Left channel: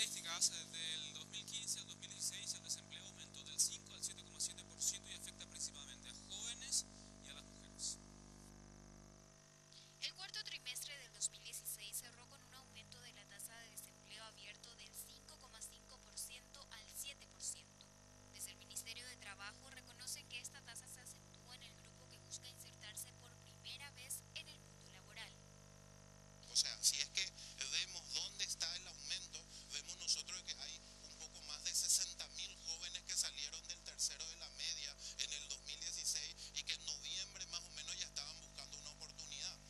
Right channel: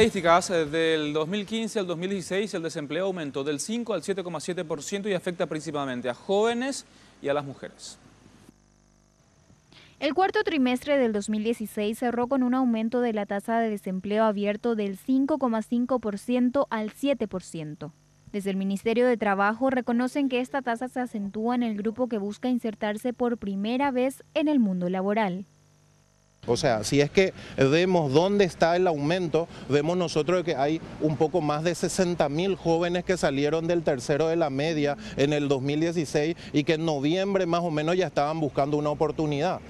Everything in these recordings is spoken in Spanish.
estadísticas, del 2015 al 2016 el desempleo aumentó del 5 al 7,7% y afecta principalmente a jóvenes y a las mujeres. El cuarto trimestre del 2016 cerró con un aumento de la tasa de desempleo abierto del 5,5% al 7%. Desde el Ministerio de Trabajo reconocen que esta tasa se acentúa en el grupo que busca insertarse por primera vez en el mundo laboral. O sea, si es que vemos dónde está el aumento, vemos nosotros que hay un poco más de 60.000 jóvenes que salieron del tercero de la media en el 2016 y que en noviembre más o menos ya estaban buscando una oportunidad.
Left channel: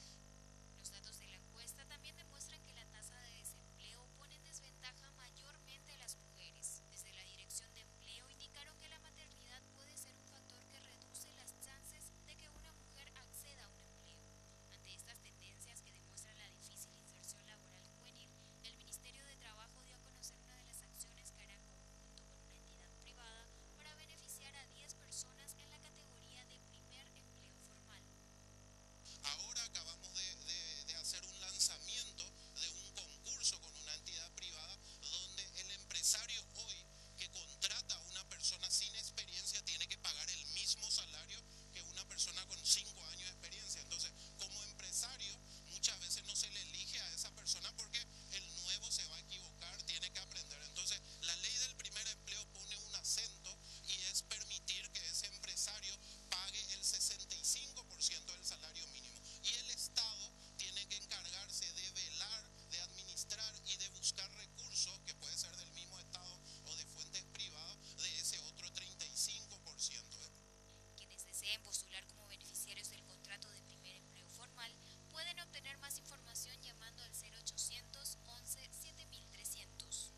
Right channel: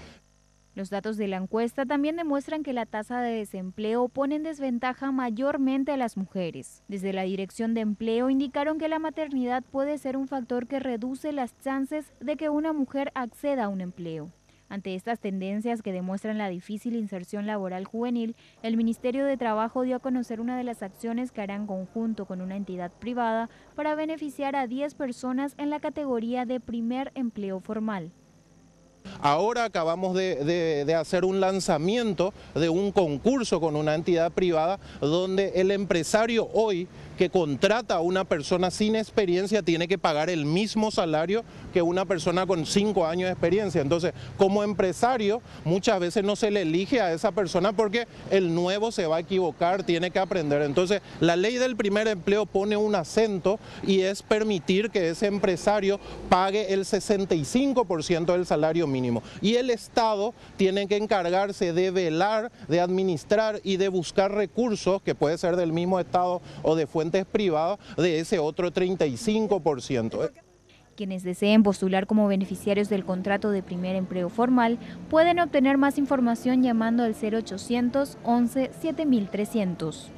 Los datos de la encuesta también demuestran que la tasa de desempleo pone en desventaja mayormente a las mujeres. Desde la Dirección de Empleo indicaron que la maternidad puede ser un factor que reduce las chances de que una mujer acceda a un empleo. Ante estas tendencias que demuestran la difícil inserción laboral juvenil, el Ministerio de Trabajo dio a conocer una de las acciones que hará en conjunto con una entidad privada para beneficiar a 10 personas en la categoría de primer empleo formal. Ahora acabamos de hacer un lanzamiento de un concurso con una entidad privada donde el empresario hoy que contrata a una persona sin experiencia tiene que pagar el mismo salario que una persona con 5 años de experiencia. Entonces, como empresario, muchas veces no se le elige a esa persona porque el nuevo se va a equivocar, tiene que aprender. Entonces, la ley del primer empleo pone un acento y es permitir que ese empresario pague el 65% del salario mínimo. Y el Estado tiene que encargarse de velar, de administrar y de buscar recursos, que puede ser del mismo Estado o de fuentes privadas, de ese otro 35%. Quienes deseen postular como beneficiarios del contrato de primer empleo formal pueden obtener más información llamando al 0800 11 7300.